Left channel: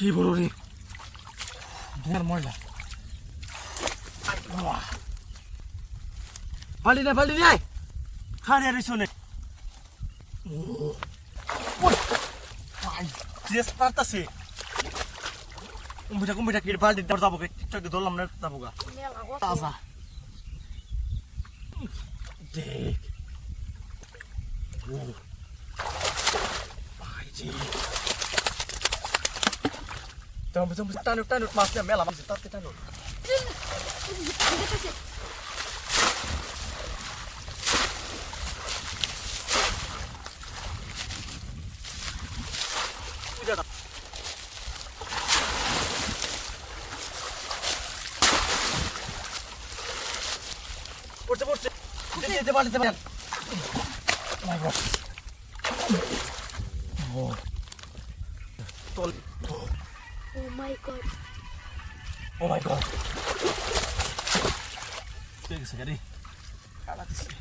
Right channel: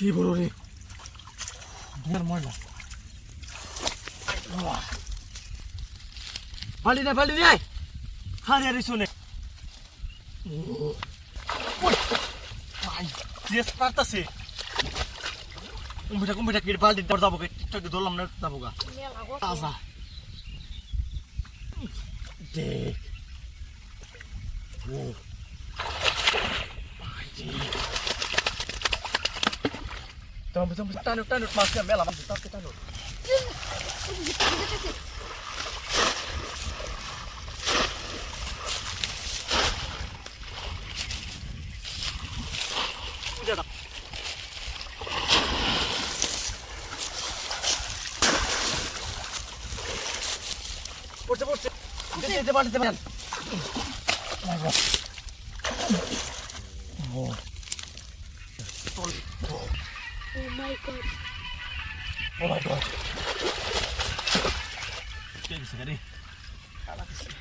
কি বড় রে? ধর ময়লা। পালি দে পালি দে। খারে আরে শুনে ড্রেস পারতাছে। কুম্ভিটা কুম্ভিটা কেটে বালতি দর যাব টিকটক ধরলাম না, যাব গা। তাজা। দেখ। Tama, tama, tanok, tanok, mas yan, mela, mas tanok, tanok. পড়ছে পড়ছে যেতে যেতে পারে যেতে পারেন মাই Oh my god. Oh my god. Pegue isso, cadê? Cala a Oh.